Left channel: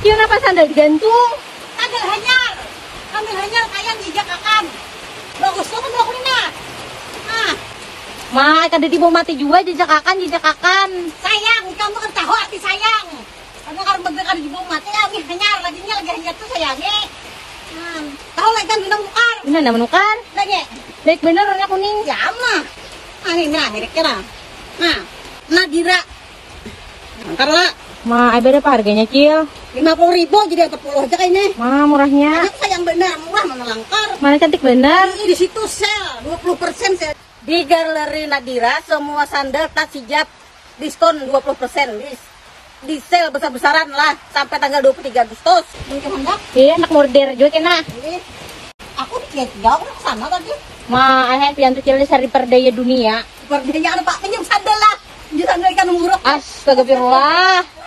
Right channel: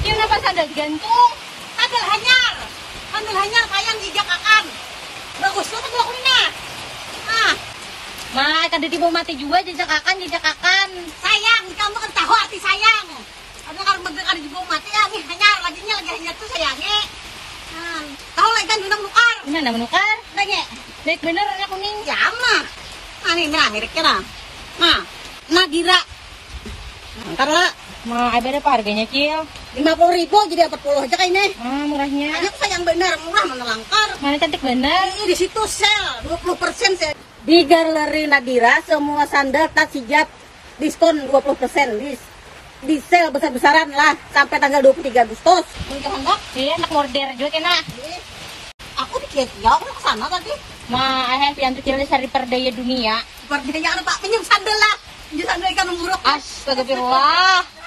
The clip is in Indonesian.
Cium apa sandal digantung? Sandal hanyar. Sandal hanyar sayang dijakakan. Bagus tuh kan aku ini. Ah, Kada di bawah mati juga jejakakan. sayang, kamu kan tahu hati sayang. Karena kalau begitu di bawah mati, hanyar lagi hanyar tuh sayangnya. Tahu lagi kan menukar. Ini ndak menukar. Lagi. Baik bener warna kuning. Ya mah. Ini akhirnya kira. Nah, Nadira. Ntar lah. Berapa harganya, Cil? 50.000 jadi 40 aja kayaknya. Murahnya. Ayo sayang benar, murah mana langkar. Mana cantik bener. Ini di situ sale 20% sale. Di Galeri Nadira semua sandal tas hijab diskon 20%. Di sale besar-besaran lah sampai tanggal 23 Agustus. Mungkin hendak. Iya, anak morder juga kena. Aku di jauh ke sana tadi. Ayah pian tuh Cil cari perdaya dunia. Perdaya ada Pak pinjam sandal lah. Di sandal ikan muruk. Astagfirullah.